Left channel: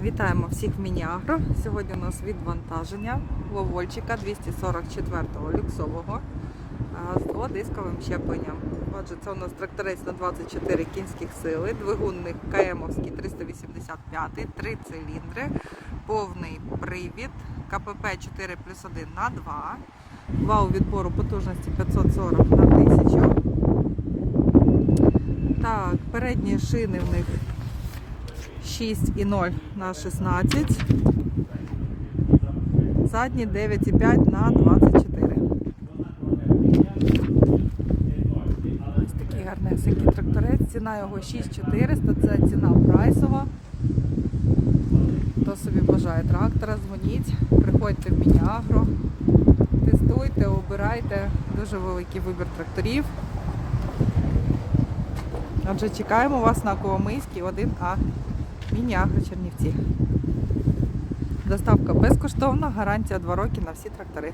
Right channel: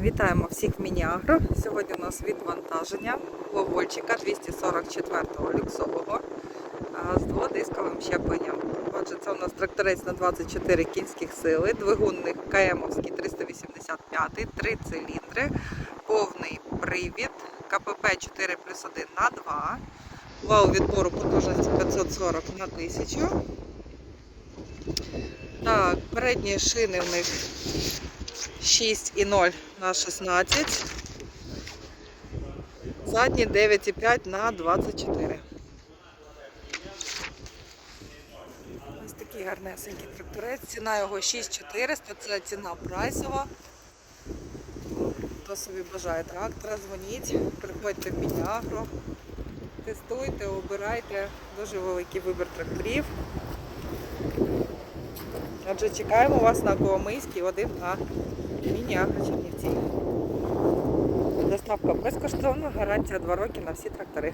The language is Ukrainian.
Вітаємо всіх в Мініагро. Сьогодні у нас відвантаження Вовольчика 244-го люксового з дводисковим щепленням. Отже, це у нас тракторець на 24 кінських сили, двигунник КМовський 385, три циліндри, повний привід, КПП 4 плюс 1 на 2, вал відбору потужності 540 на 1000. Так, передні шини в них 6,0 на 16. Задні 9,5 на 24. Ось такий гарнесенький тракторець. Ціна його 6400, це ціна прайсова. Хто собі бажає трактора, дзвоніть, приходьте в Мініагро, тестуйте, обирайте. Дуже великий вибір тракторів. Отже, чекаємо вас на Коломийській 1А. Міні-Агро Чернівці. Доставка безкоштовна, гарантія 2 роки на всі трактори.